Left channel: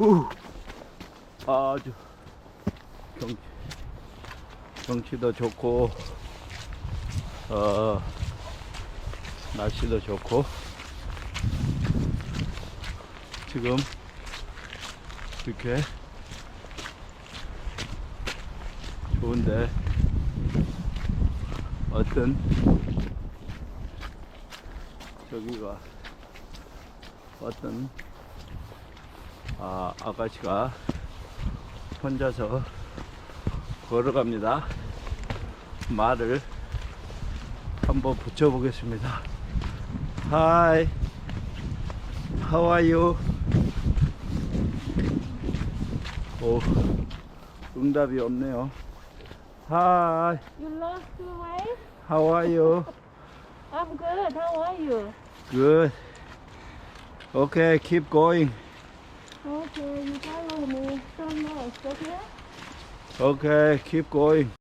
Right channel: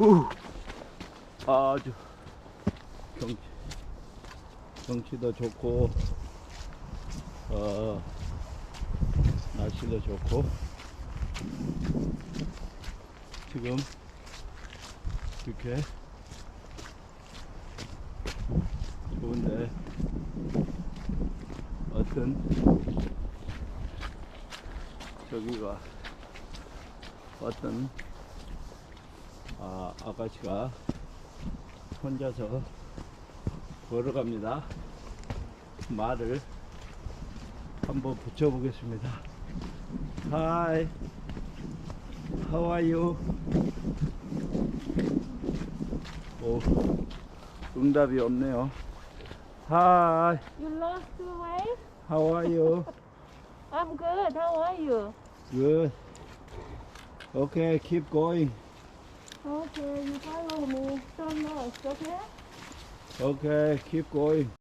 우 아주 경, 경치도 좋고 어 날씨도 좋고 지금 이렇게 좋은데 어떤 저기가 어떤 아, 아가씨가 혼자서 걸어갑니다. 말을 한번 붙여보겠습니다. Hi, how are you? 오, 응답이 없네요. Hi, You lost your way? how are you? I'm good. How are you? Good. Okay, keep going. Okay, you follow me so much, okay? Okay, keep going.